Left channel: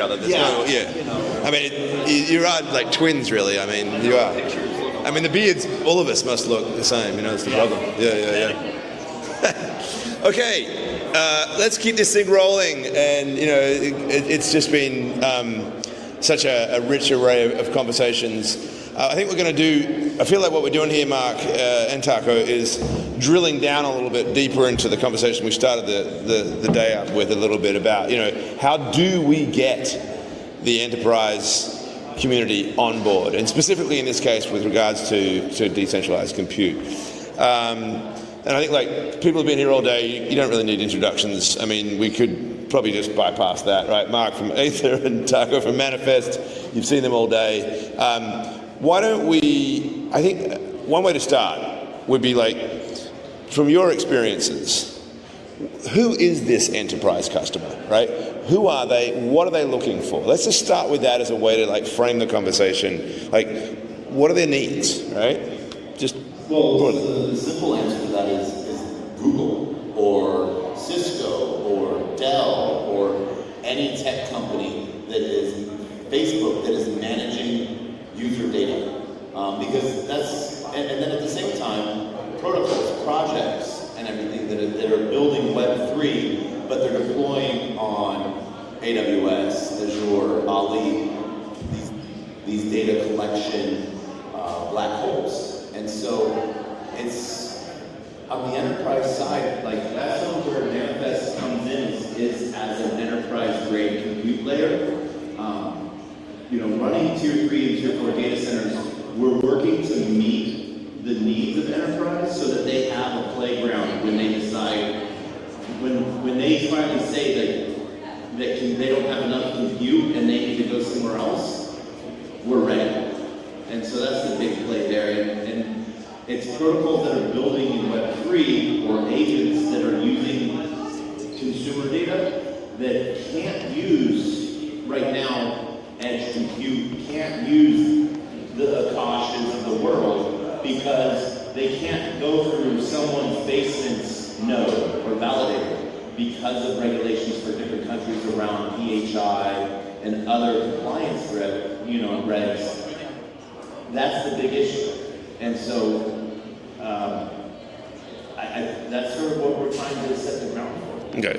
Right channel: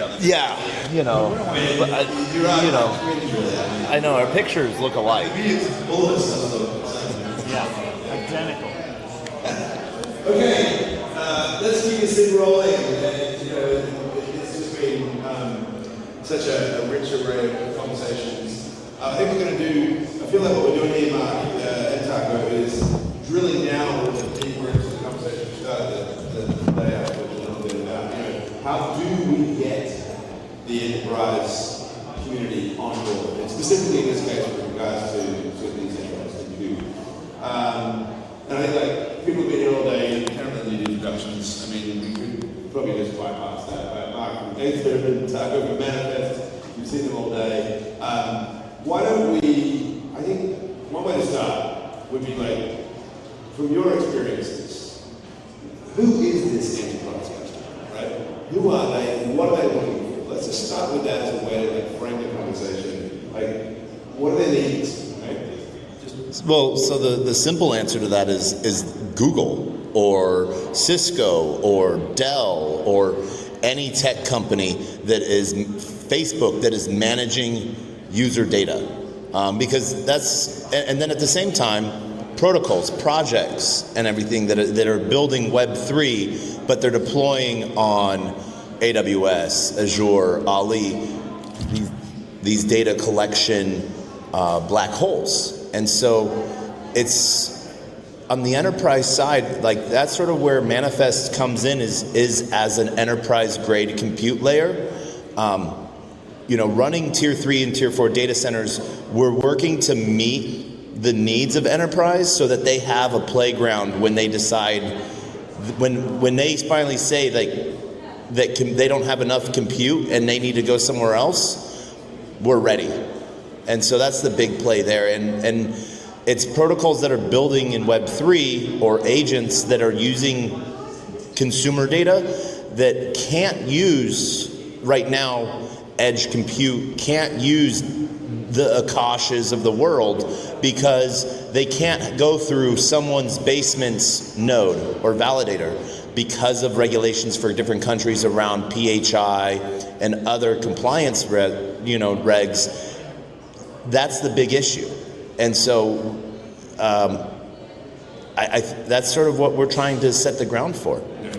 other. Yeah. You know. I mean, you're right, like twins, really. I mean, I know our pictures look alike. I mean, the beards, all of us must look the same. You know, it's the problem. Yeah. Okay, let's keep this thing rolling. And you know, it's just been such a rich array of conversations. I think we're going to do, I feel like what we're doing here, Mark and Taco, is drilling down a little bit deeper into the conversation we started the day up with a little bit about, you know, how do we get the enterprise community on board, and specifically in this case with regards to decentralized compute. And I think, like, people have been here all day, you don't really need introductions. I mean, we could probably just bypass that, right? Mark from Aether and Taco from Manifest, you've seen them all day. Why don't we, I think one way to start would be, like, from your experiences, who is this enterprise customer, right? Who are they? What are they looking for? Let's just start with that as a way to, like, frame the conversation. Like, what are their needs, right? So the simple answer to that is Google or Cisco or Dell or any tech company that is Facebook that is managing user data, because that's, and then at the same time, protocols, projects, and everything that are building Web3, but they're deploying on AWS, Azure, Ali, these data collection black holes. And so it's on the enterprise side, like that's sort of where Manifest comes in, is as an enterprise grade compute layer. You know, running tier 3 and tier 4 data centers, we're working to meet the needs of enterprise so that they have a playground when they decide, when they finally say they don't have enough compute and they need to go somewhere else, we're ready. And so that's the big play there. And it's protocols that are building in Web3 or agents that are using consumer data that can't use right now edge compute, can't use the Akashas of the world because they can't go through someone's basement's node or validator because of regulations for different countries around PHI and other compliance regs. That's the big issue. And so that's sort of what we're trying to set the ground for. Okay.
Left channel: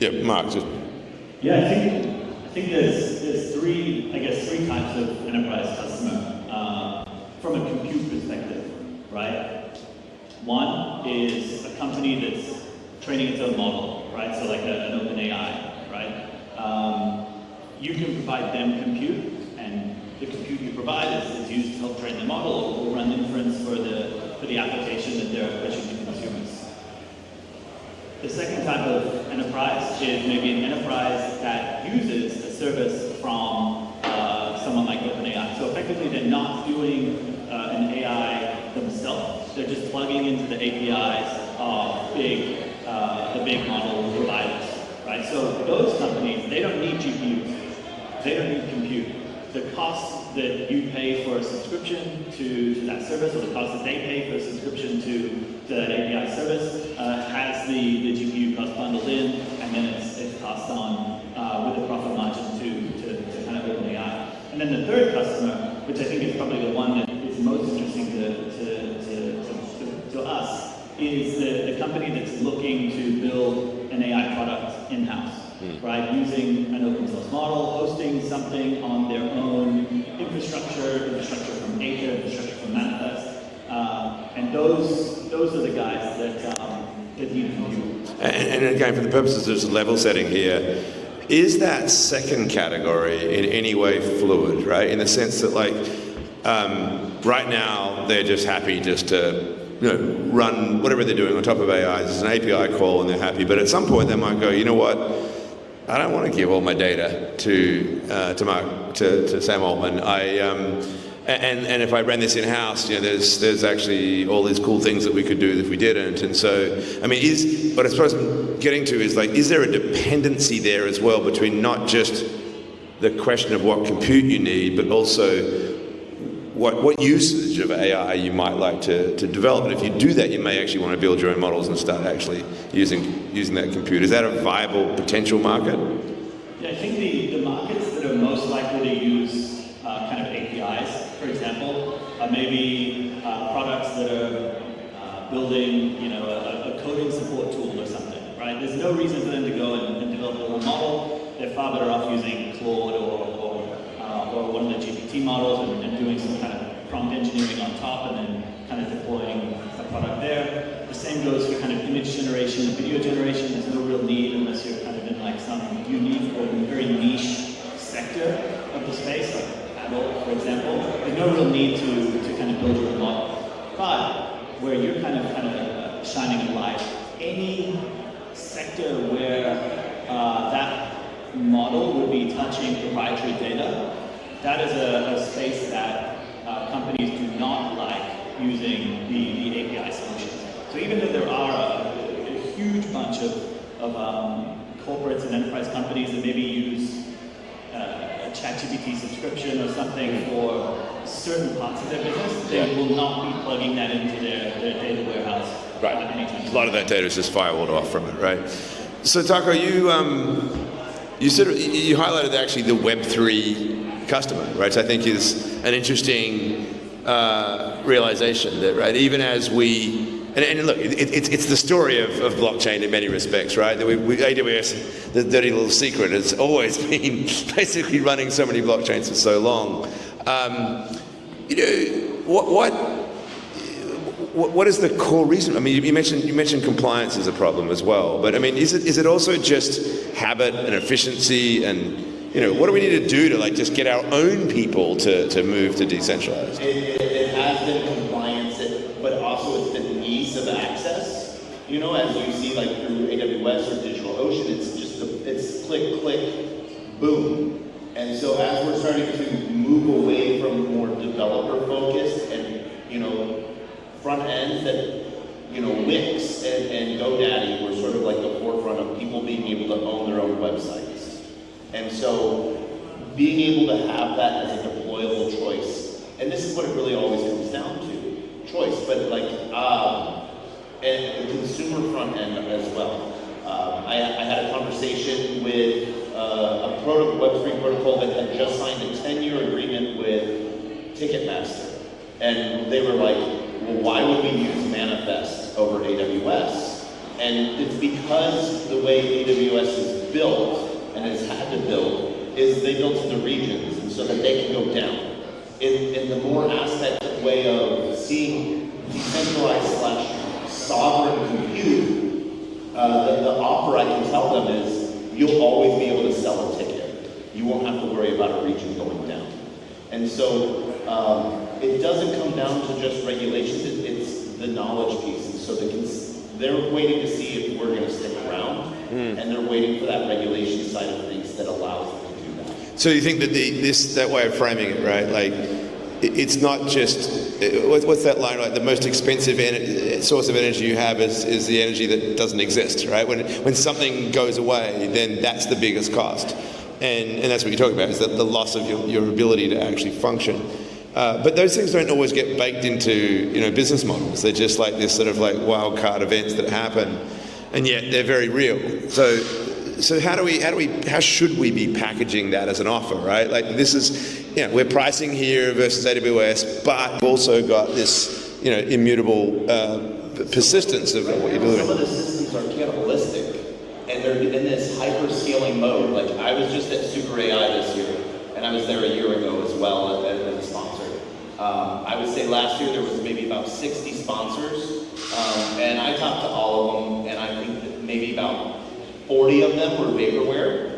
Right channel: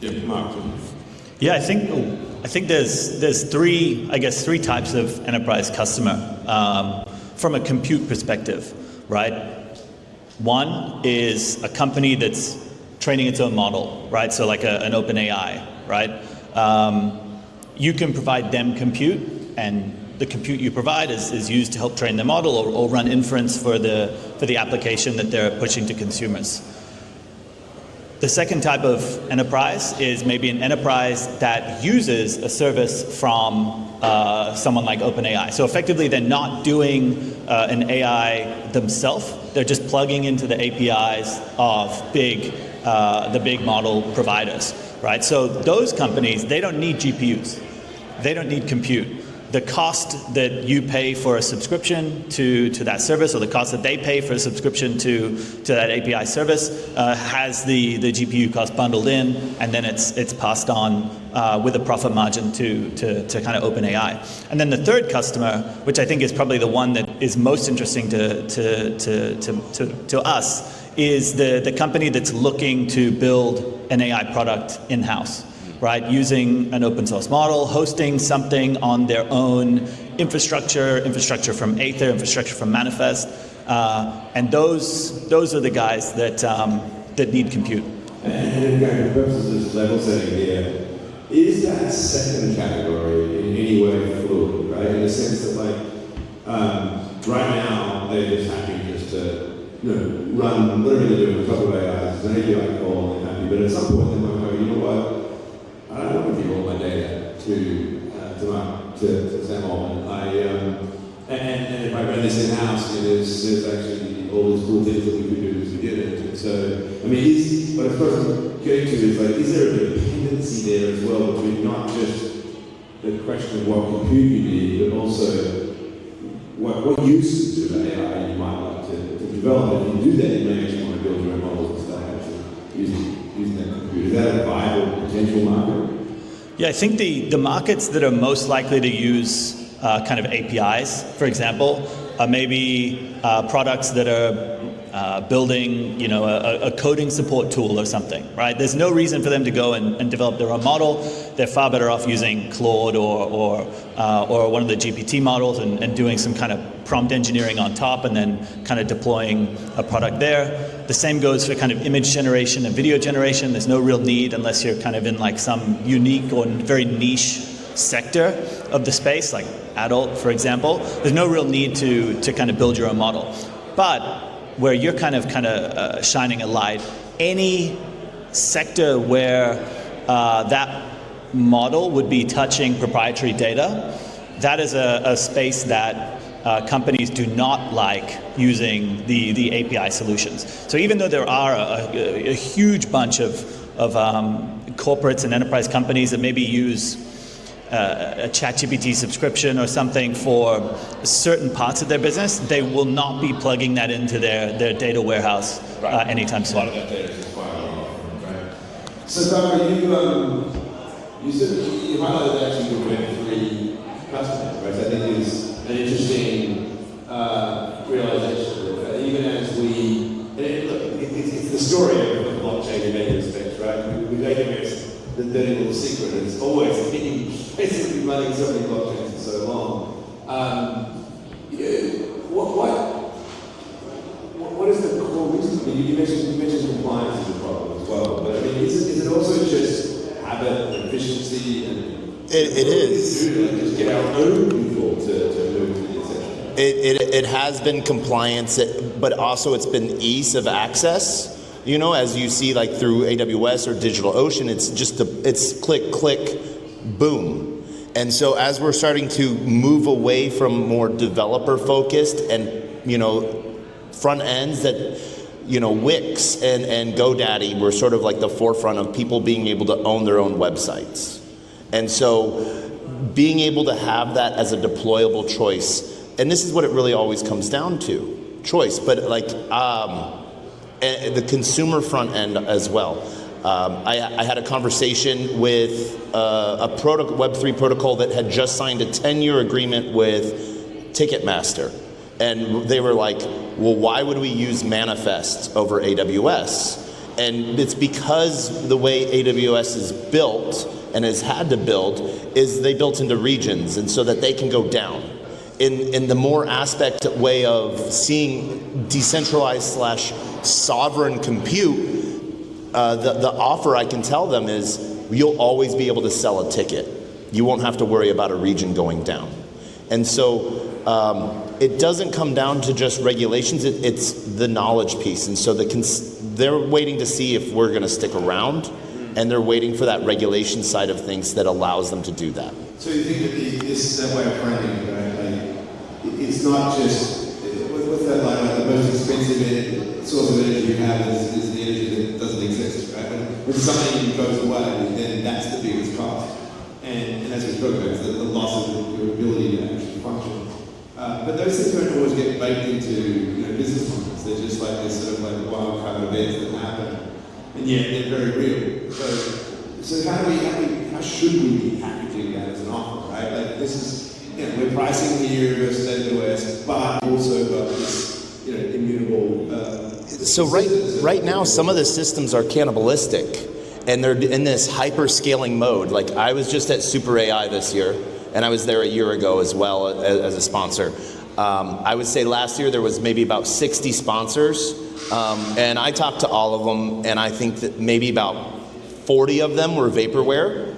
Yeah, Mark. Yeah, I think there's three types of enterprise customer from a compute perspective, right? One is a company that's training its own model, right? So like an OpenAI, right? You can provide them compute, and the compute you provide is used to help train the model or run inference for the application that they're pushing to consumers. The second type of enterprise is maybe an enterprise that uses a service from someone like OpenAI. So effectively, they're not doing an AI themselves. They're just plugging into the APIs of the big model providers, right? So those companies, they don't need GPUs. They don't need compute. The cost that you pay for a subscription to that service, or the cost that they pay for a subscription to that API service, has the GPU cost bundled in, and then it's passed on with a profit margin to kind of OpenAI. And then the third customer, which I think is probably the one that is most interesting to us, is the company that's looking to build an AI product in-house. Right, using an open source model, hosting something on their own infrastructure from Aether, infrastructure from Manifest, and those are the guys that need compute. And again, for the purposes of just level setting here, is that second category in any way fluid, right? In the sense that, like, right now they're just happy just to run whatever they're doing on top of AI. It's an API call and they're happy, but at some point they might go, you know what? I don't want to give all my data to Sam Altman. And if I ran this in-house, there's actually all these cool things that we could do that we didn't. And so, I mean, what I suppose I'm getting to is, like, is there a dependency there as well between not just the question of what compute you need, but also what usage of AI you might like to develop? And if you do that, you may actually want to build your own models and start actually using that compute. Is that a viable potential market? Yeah, I think the markets that are most likely to use kind of APIs, for example, are maybe products that are building, you know, a coding support tool or something, right? There's no reason for them to go and develop their own model. They're far better off using Claude or one of the GPT models and doing some kind of prompt engineering on top and then kind of deploying a product there. The same goes for kind of image generation and video generation. There's no real need unless you're kind of in like some unique or very niche sector of the space, like adult, for example. There's no real need to kind of build your own model. But where you're kind of shining a light, any sector where that model would be touching proprietary data, that is a space that companies do not like using the API solutions. So even though there are a huge bunch of corporates and enterprise companies that maybe use a ChatGPT subscription or something for certain parts of their business, they will not be plugging that into their data warehouse anytime soon. A lot of that data is just firewalled off from it, right? So Taco, you highlighted actually the Web3 customer, right? So I think is an interesting realization that, right, even as we, and look, it's the story of blockchain in many respects, right? AWS, the dirty little secret, has always been basically running so many blockchains for so long. You know, what is the core reason? I mean, you mentioned compliance as a problem as well, but I mean, is it also just habit and efficiency and what do we need to do to like just get our own people to move to decentralized? It has been compliance, but also it's been ease of access. You know, as you see like through AWS or DigitalOcean, it's click, click, boom. And so as we're starting to move away from more developer focused and, you know, front ends that, you know, Wix and GoDaddy were sort of like the forefront of people being able to own their own websites. And so being able to have that as a deployable choice, and this is what it really always comes down to, choice, but like and the consumer front end as well. I had a conversation with a Web3 protocol that had just signed a 10-year agreement with Ticketmaster. And they were like, well, why would we use Manifest over AWS? And it's because the way AWS is built and has had to build is they built into regions, and so that they can go down. In the more aspect way of seeing decentralized / sovereign compute, the offer I can tell them is you'll always be able to sell a ticket. You won't have to worry about a region going down. And so it doesn't come down to just regulations, it's the knowledge piece. And so they're waiting to see if we're going to stick around, and they're waiting for that regulation side of things that allows them to do that. So you think that that way of framing it, right? Like, it's not just, what's that line, like the most expensive source of energy you have is the energy that doesn't exist, right? When something goes away, then that's the biggest cost. And that's what you're talking about, is that the loss of your ability to actually function. But those things don't always get baked into, business models. They're just like this sort of like wild card events that happen, and yet they're very real. So how should we be packaging that as an offer, right? Like this is, we're pricing here versus AWS, but we've also got this, immutable persistence. So right now, some of the systems are cannibalistic, and they're in this hyper-scaling mode. Like I was just at Super AI this year, and I was there a year ago as well as a sponsor. I would say last year there was maybe about 60 sponsors, and I talked to all of them, and I think that maybe about 40 of them were vaporware.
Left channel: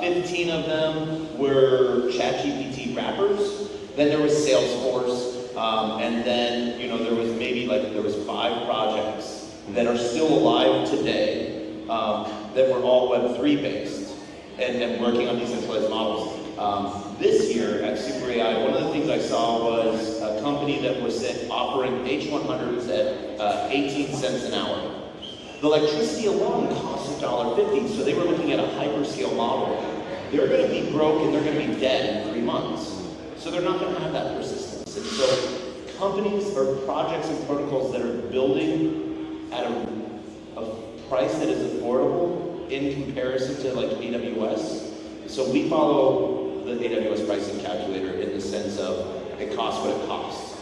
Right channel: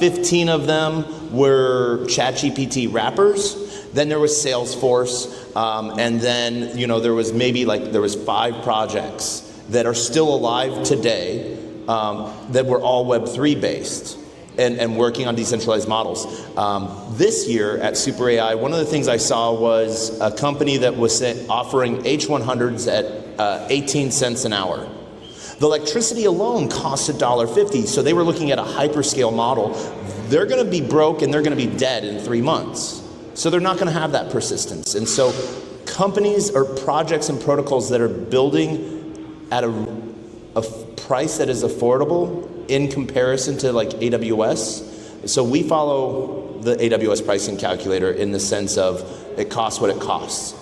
15 of them were ChatGPT wrappers. Then there was Salesforce, and then there was there was 5 projects that are still alive today that were all Web3 based and working on decentralized models. This year at Super AI, one of the things I saw was a company that was offering H100s at 18 cents an hour. The electricity alone costs $1.50, so they were looking at a hyperscale model. They're going to be broke and they're going to be dead in 3 months. So they're not going to have that persistence. And so companies or projects and protocols that are building at a price that is affordable in comparison to like AWS. So we follow the AWS pricing calculator in the sense of it costs what it costs.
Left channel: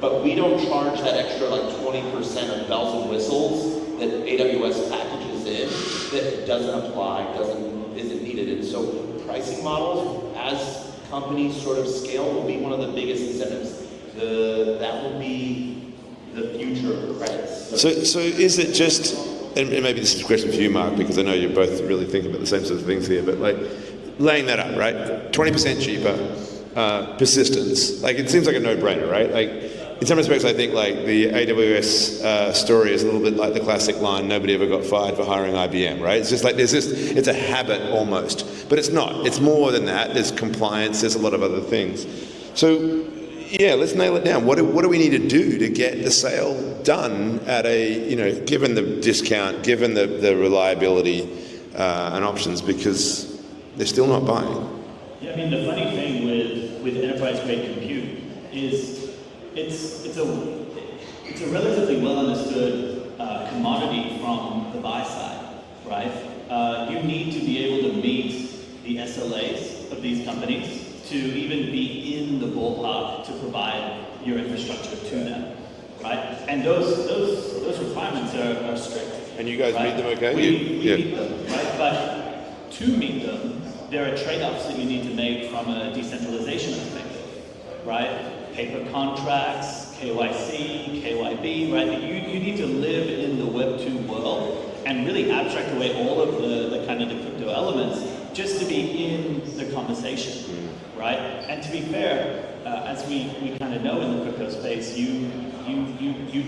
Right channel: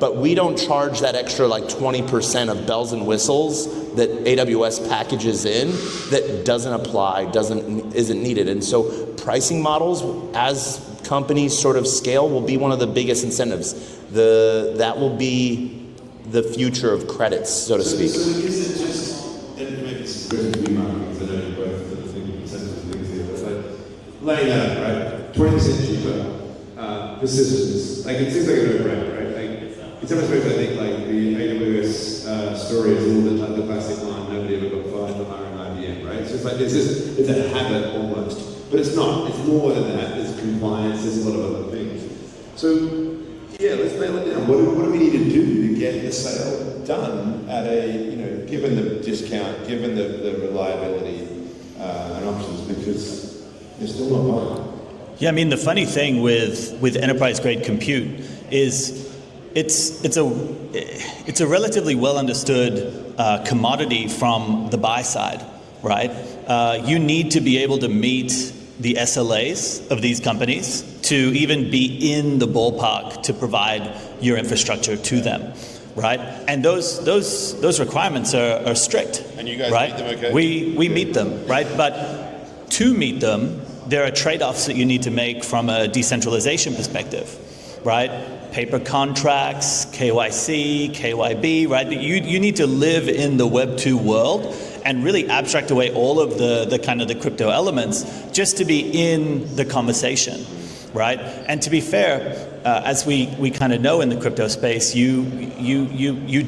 But we don't charge that extra like 20% of bells and whistles that AWS packages in that doesn't apply, isn't needed. And so pricing models, as companies sort of scale, will be one of the biggest incentives. That will be the future of credits, so to speak. So is it just, and maybe this is a question for you, Mark, because I know you're both really thinking about the same sort of things here, but like laying that up, right? 20% cheaper, persistence. Like it seems like a no-brainer, right? Like in some respects, I think like the AWS story is a little bit like the classic line, nobody ever got fired for hiring IBM, right? It's just like it's a habit almost, but it's not. It's more than that. There's compliance, there's a lot of other things. So yeah, let's nail it down. What do we need to do to get the sale done at given the discount, given the reliability and options, because they're still not buying. Yeah, I mean, the funny thing with enterprise-grade compute is it's a relatively well understood commodity from the buy side, right? You need to be able to meet the SLAs of these companies to even be in the ballpark to provide your infrastructure to them, right? And those requirements are strict. And you guys right? meet them, okay? We meet them, right? But to meet them, there are trade-offs that you need to make from a decentralization perspective, right? Paper contracts, KYC, KYB, right? You need to live in the Web2 world and really abstract away all of the kind of the crypto elements just to be in the conversation, right? And to be fair, as we kind of know in the crypto space, you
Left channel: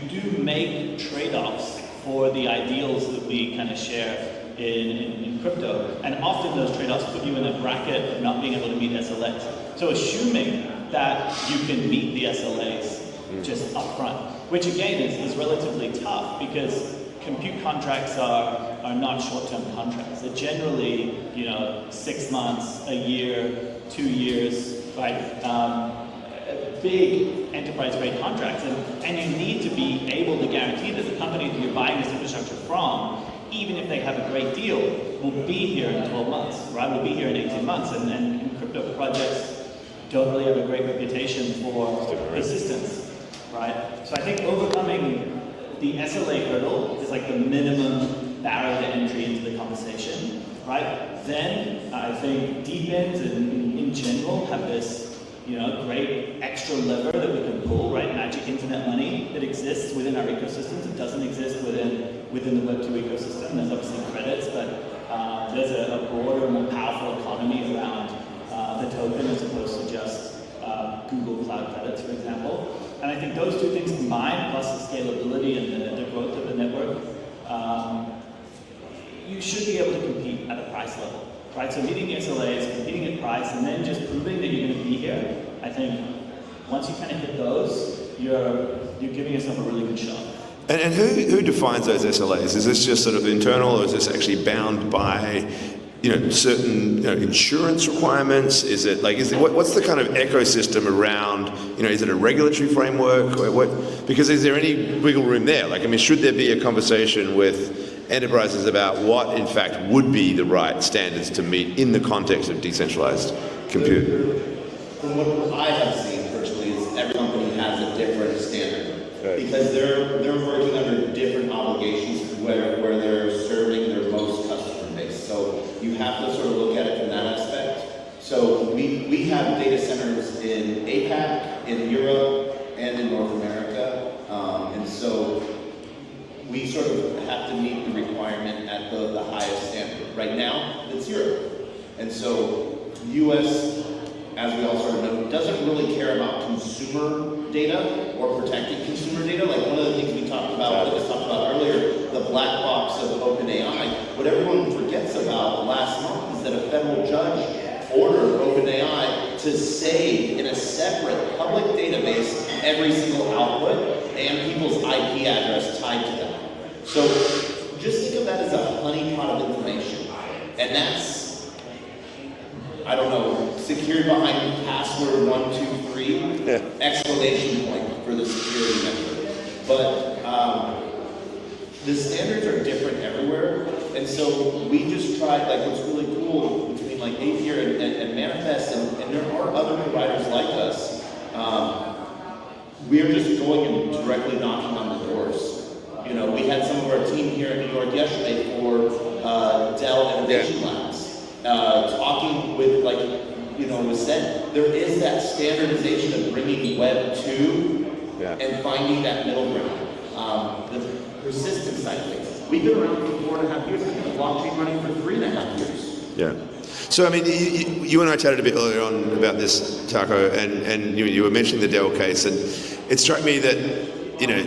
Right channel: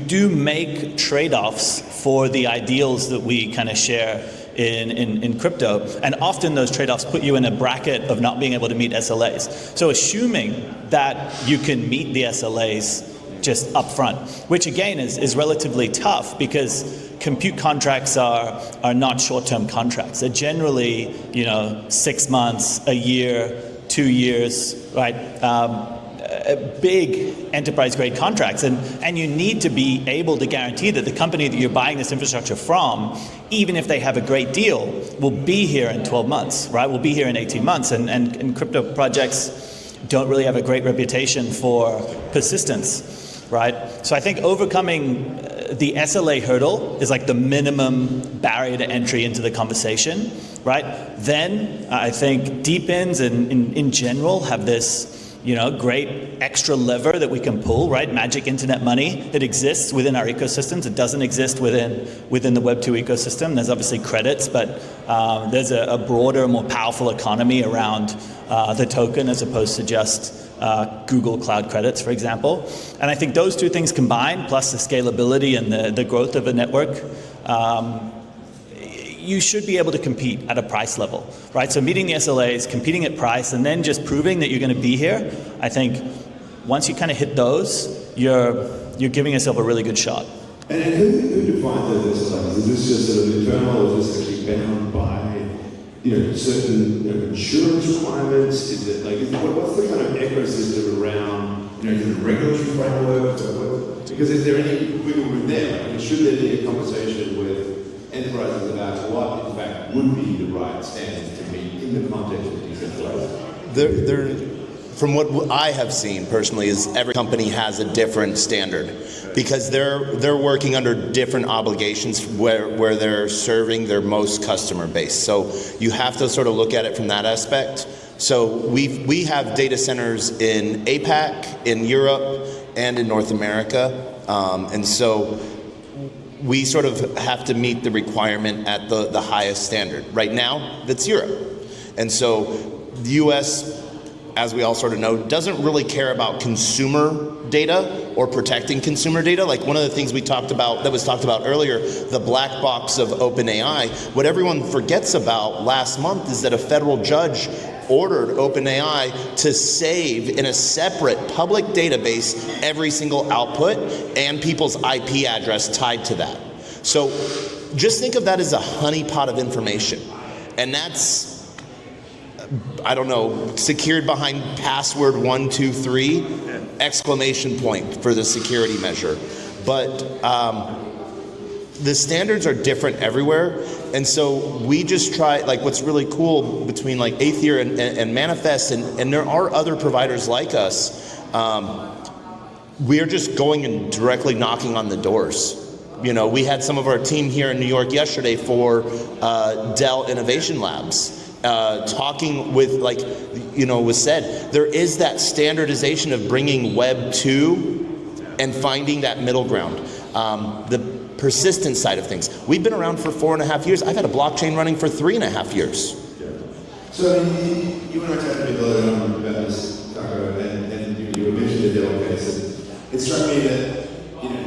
do make trade-offs for the ideals that we kind of share in crypto, and often those trade-offs put you in a bracket of not being able to meet SLAs. So assuming that you can meet the SLAs just up front, which again is relatively tough because compute contracts are not short-term contracts. They're generally 6 months, a year, 2 years, right? Big enterprise-grade contracts, and you need to be able to guarantee that the company that you're buying this infrastructure from, even if they have a great deal, will be here in 12 months, right? Will be here in 18 months, and crypto projects don't really have a great reputation for persistence, right? So I think overcoming the SLA hurdle is like the minimum barrier to entry into the conversation, right? Then I think deep-ins in general have this great extra lever that we can pull, right? Magic internet money that exists within our ecosystems. It doesn't exist within the Web2 ecosystem. There's obviously credits, but there's a broader, more powerful economy around the token as opposed to just Google Cloud credits, for example. And I think those two things combined, plus the scalability and the growth of a network, you should be able to compete at a price level, right? So meeting the SLAs, competing at price, and then just proving that you're going to be here. I think once you kind of hit those, you're giving yourself a really good shot. And who defines those SLAs? Is this just sort of internal, or is this actually bound by certain insurance requirements? What's the kind of ecosystem around? Is it a regulatory framework, or what? Because is there any wiggle room there? Should there be a conversation with enterprises about what, in fact, would be the right standards to meet in the context of decentralized compute? From what I have seen personally, is every company has a different standard because they're working under different obligations where they're serving their most customer base. So you have to sort of look at it from that aspect. So we have data centers in APAC, in Europe, and in North America, and so we sort of have to meet the requirement at the highest standard. Right now, that's Europe. And so the US, as we all sort of know, doesn't really care about consumer data or protecting consumer data. Like one of the things that was talked about earlier, the black box of OpenAI, what everyone forgets about last month is that a federal judge ordered OpenAI to save in a separate public database every single output and people's IP address tied to that. So just think of that as a honeypot of information. And that's, I don't know, secured behind password 123, exclamation point for the security measure. But the standards are different everywhere, and so we just try, like what's really cool between like Aether and Manifest, and there are other providers like us, we are just going and directly knocking on the doors. You know, we had some of our team here in New York yesterday for Dell Innovation Labs, talking with, like, you know, was said, there is that standardization of bringing Web 2 and finding that middle ground. The persistent side of things. We've been around for 4.5 years. I've had a blockchain running for 3.5 years. Yeah. So, I mean, you and I chatted a bit earlier on about this, Taco, and you were mentioning the Dell case, and it struck me that, you know,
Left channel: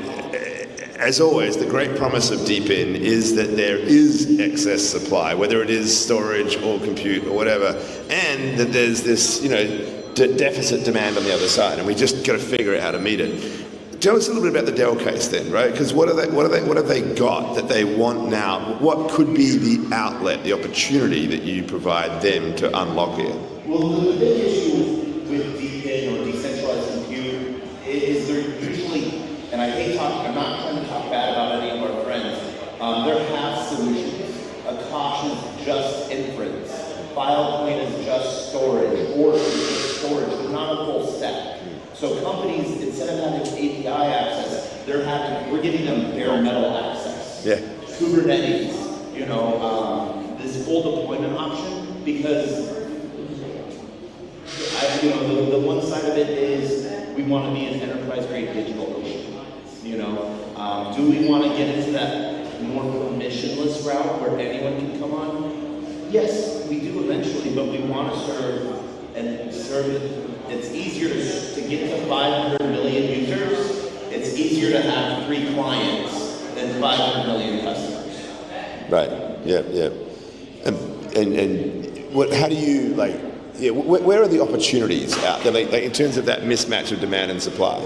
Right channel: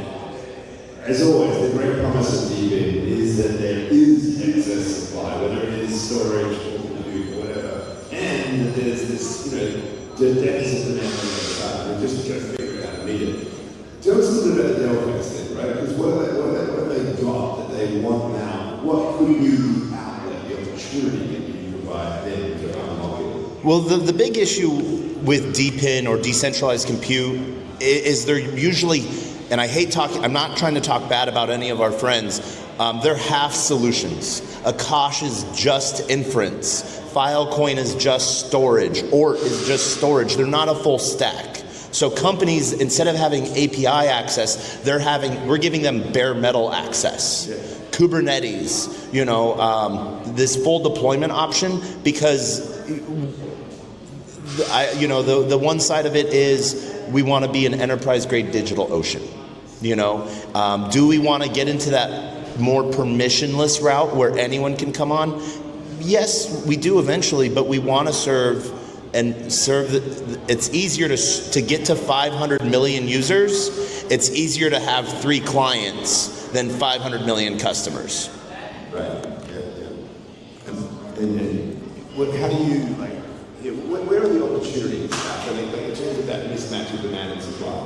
as always, the great promise of DeepIn is that there is excess supply, whether it is storage or compute or whatever, and that there's this, you know, deficit demand on the other side, and we just got to figure out how to meet it. Tell us a little bit about the Dell case then, right? Because what have they got that they want now? What could be the outlet, the opportunity that you provide them to unlock it? Well, the big issue with DeepIn or decentralized compute is they're usually, and I hate talking, I'm not trying to talk bad about any of our friends, they're half solutions. Akash is just inference. Filecoin is just storage, or is just storage. They're not a full stack. So companies, instead of having API access, we're giving them bare metal access. Yeah. Kubernetes, you know, this full deployment option, because the one side of it is we want to be an enterprise-grade digital ocean. You know, do we want to get into that more permissionless route where anyone can come on? Yes, we do eventually, but we want to serve. It's easier to get to 500 million users. It's easier to have 3 clients than 500 million customers. Right. Yeah. Yeah. And what? How do you like? Yeah. Where are the opportunities out there, like in terms of that mismatch of demand and supply?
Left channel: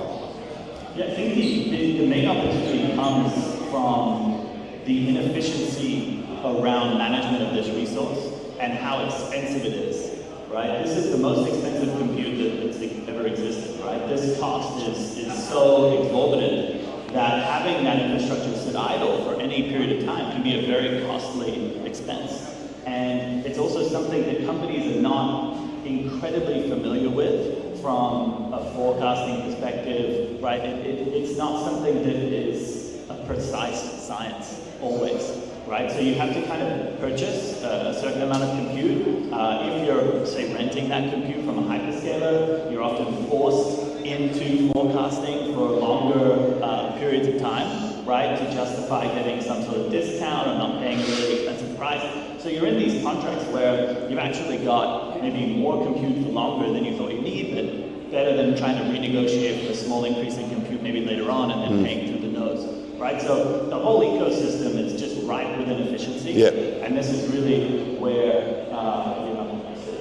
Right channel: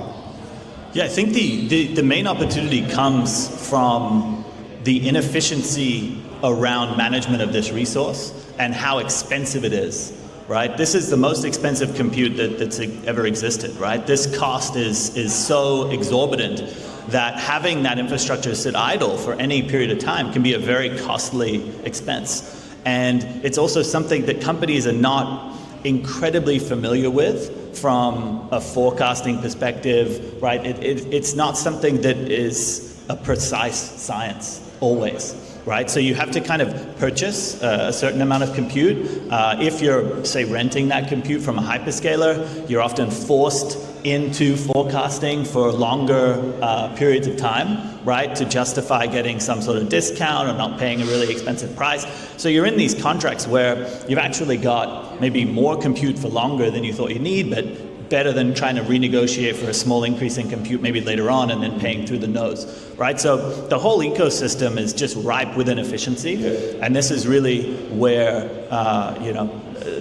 Yeah, I think the main opportunity comes from the inefficiency around management of this resource and how expensive it is. Right, this is the most expensive compute that's ever existed. Right, this cost is so exorbitant that having that infrastructure sit idle for any period of time can be a very costly expense. And it's also something that companies are not incredibly familiar with from a forecasting perspective. Right, it's not something that is a precise science always. Right, so you have to kind of purchase a certain amount of compute. If you're, say, renting that compute from a hyperscaler, you're often forced into forecasting for longer periods of time, right, to justify getting some sort of discount or not paying a really expensive price. So you're in these contracts where you've actually got maybe more compute for longer than you thought you need, but better than trying to renegotiate for a small increase in compute maybe later on and then paying through the nose, right? So the whole ecosystem is just ripe with inefficiency, yeah. And this is really where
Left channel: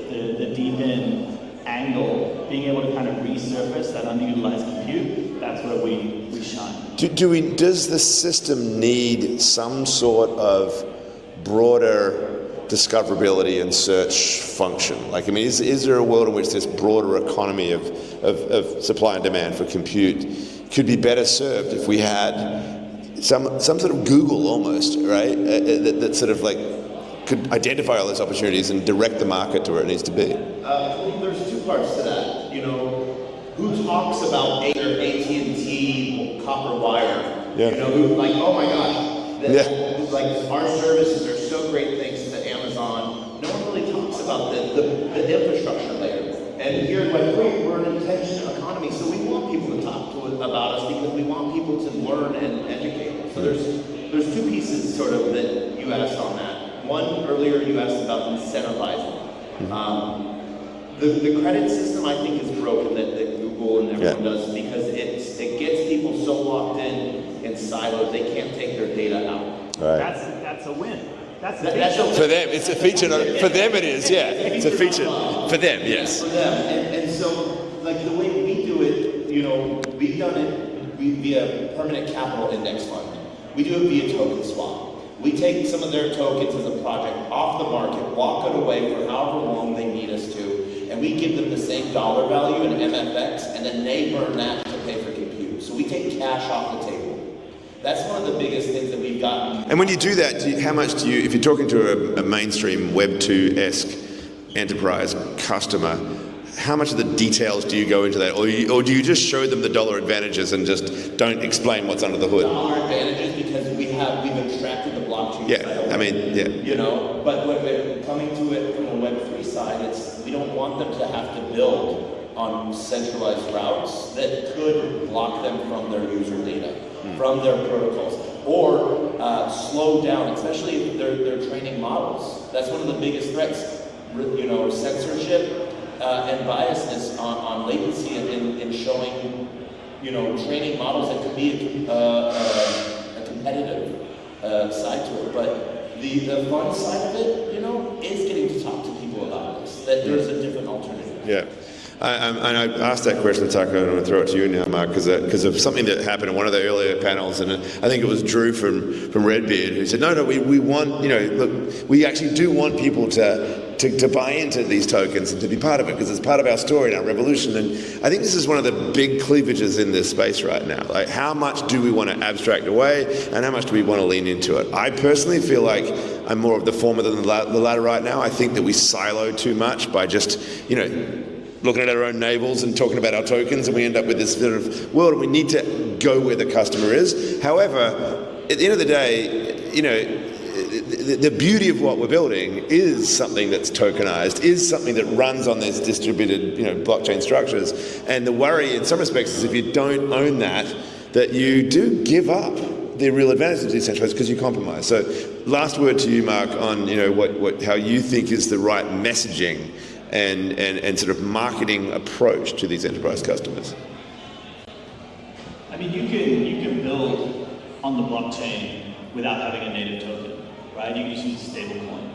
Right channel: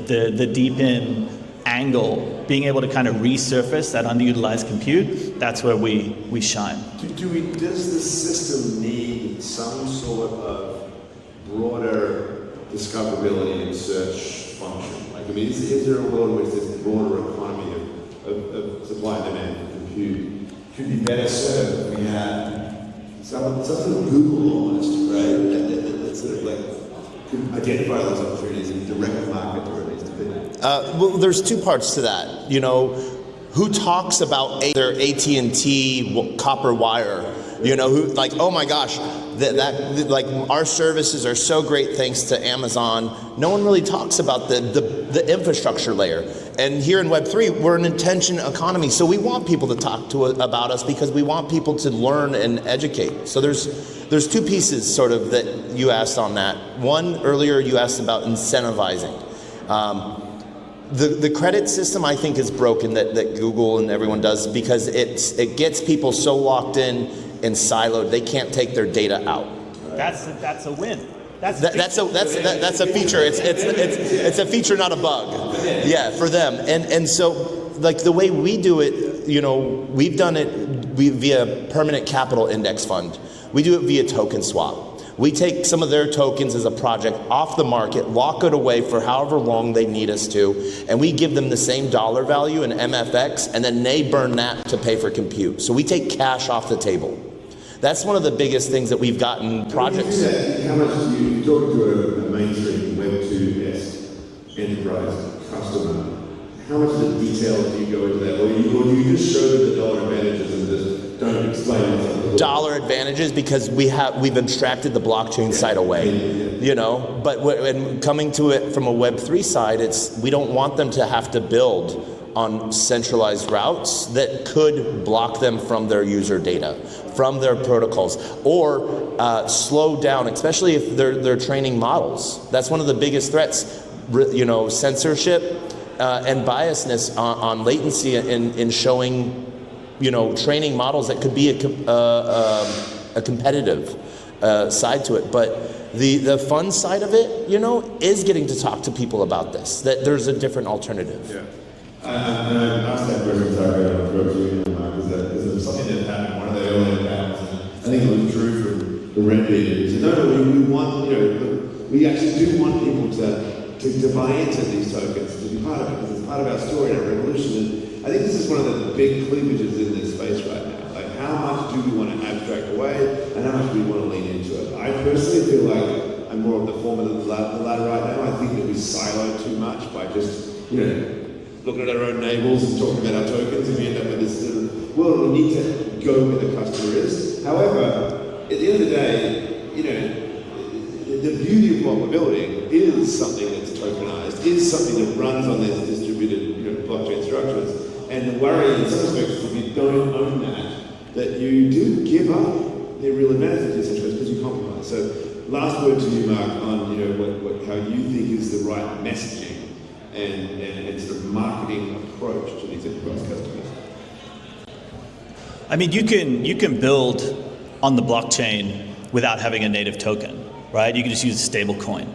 the DeepIn angle, being able to kind of resurface that underutilized compute, that's where we shine. Does the system need some sort of broader discoverability and search function? Like, I mean, is there a world in which this broader economy of supply and demand for compute could be better served if we had some sort of Google almost, right? That sort of like could identify all those opportunities and direct the market to where it needs to be? Well, there's 2 parts to that. You know, who talks about their AT&T copper wire? Yeah. You know, who like, oh my gosh, like our services are so great thanks to Amazon. No one really talks about the infrastructure layer. And here in Web3, we're an intention economy, so we want people to talk about us because we want people to learn and educate. So there's 2 pieces sort of that you asked on that. One, earlier you asked about incentivizing. The credit system, I think, is broken that Google and everyone does, because it gets people so locked in and siloed they can't take their data out. Right. That's a win. That's a feature. It's a feature, not a bug. For them, yes, for them. And so, like the way we do it, you know, we've done it via permanent capital index fund. We do it via token swap. We take some of their tokens as a project off the market, lock it away for however long they need us to, and we give them the same dollar value in MFX, and then they burn that to pay for compute. So we take cash off the table. That's one of the biggest things that we've gotten. And when you do that, how much do you, if you're talking to a mainstream Web 2-esque enterprise customer, how much of the details do you go into that? Or do you just show them the dollar advantages and just don't explain what's under the hood? Dollar advantages, because we've abstracted the blockchain side away. I mean, you know, but when coming to it from a Web3 side, we don't want them to have to build on centralized routes that could block them from their user data, from their protocols, or slow down, especially if they're training models. That's one of the biggest threats, you know, censorship and biasness on latency in showing, you know, training models that could be a competitive side to it. But the fun side of it, you know, is getting to talk to people about this, that there's a different alternative. Yeah. And I asked that question, Tucker, and I'm going to throw it to you now, Mark, because of something that happened in one of the earlier panels, and I think it was Drew from Redbeard who said, no, we want, you know, look, we actually do want people to buy into these tokens and to be part of it, because it's part of our story and our revolution. And I think this is one of the big cleavages in this space right now. Like, how much do we want to abstract away, and how much do we want to lean into it? I personally feel like I'm more of the former than the latter right now. I think that we silo too much by just, you know, looking at our own navels and talking about our tokens, and we end up with this sort of world, and we need to go where the customer is. However, at the end of the day, you know, the beauty of what we're building is something that's tokenized, is something that runs on these distributed, you know, blockchain structures. And the worry in some respects is if you don't own that you do give up the real advantage of decentralized because you compromise. So last word to you, Mark, on, you know, how you think is the right messaging and sort of marketing approach to these enterprise customers. I mean, you can build on the blockchain without having a native token, right? You can just use a stable coin,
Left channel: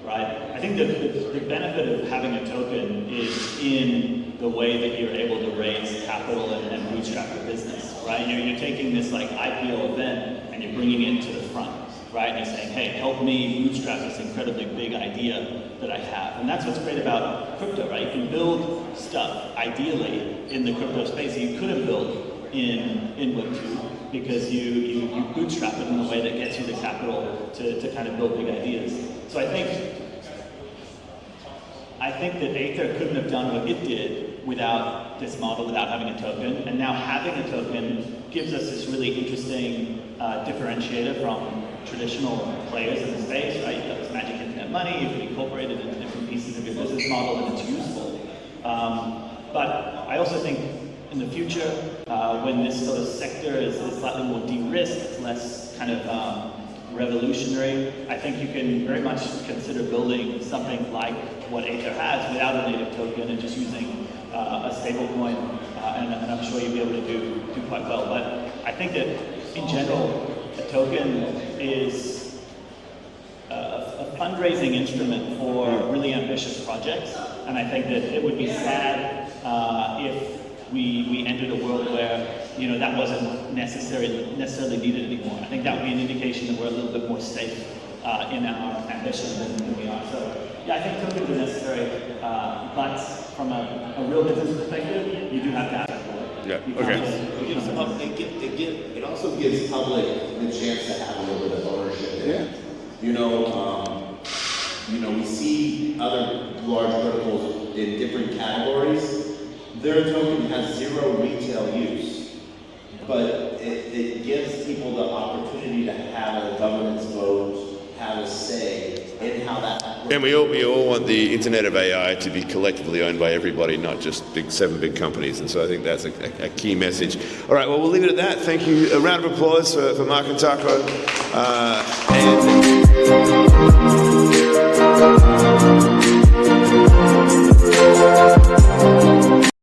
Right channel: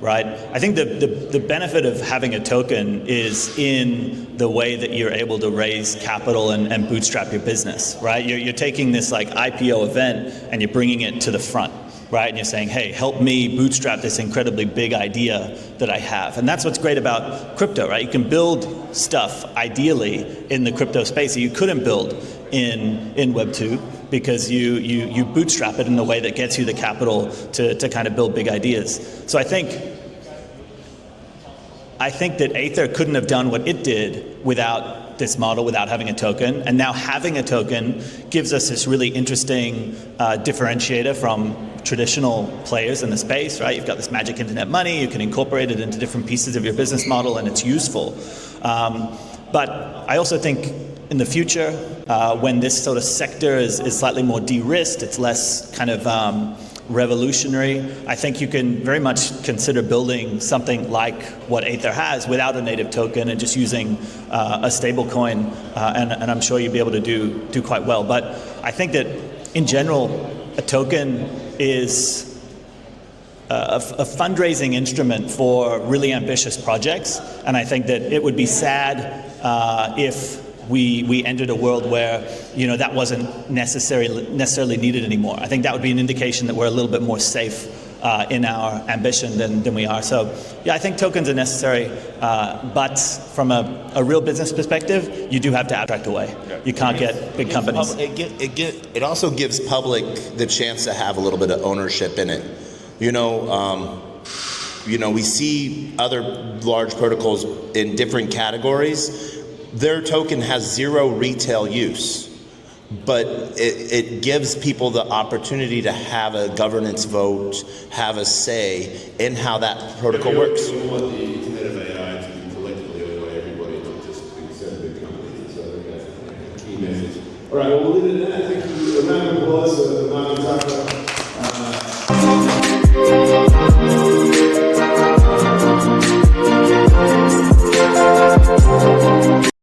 right? I think the benefit of having a token is in the way that you're able to raise capital and bootstrap your business, right? You're taking this like IPO event and you're bringing it to the front, right? And you're saying, hey, help me bootstrap this incredibly big idea that I have. And that's what's great about crypto, right? You can build stuff ideally in the crypto space that you couldn't build in Web 2 because you bootstrap it in a way that gets you the capital to kind of build big ideas. So I think that Aether couldn't have done what it did without this model, without having a token. And now having a token gives us this really interesting differentiator from traditional players in the space, right? You've got this magic internet money, you can incorporate it into different pieces of your business model, and it's useful. But I also think in the future, when this sort of sector is slightly more de-risked, it's less kind of revolutionary, I think you can very much consider building something like what Aether has without a native token and just using a stable coin, and I'm sure you'll be able to do quite well. But I think that in general, a token is a fundraising instrument for really ambitious projects, and I think that it would be sad if we entered a world where, you know, that wasn't necessarily needed anymore. I think that would be an indication that we're a little bit more safe in our ambition than we are. So yeah, I think tokens are necessary, but from a real business perspective, you do have to abstract away. Yeah. You can't get big companies. It also gives public the chance to have a little bit of ownership in it. You know, we see other large protocols in different categories. Their token has zero retail use, but it gives people the opportunity to have a governance vote, have a say in how that protocol works. We all want the Internet of AI to be collectively owned by everybody, not just seven big companies, and so I think that's a key message. All right, well, we'll leave it at that. Thank you. A round of applause for Mark and Tucker.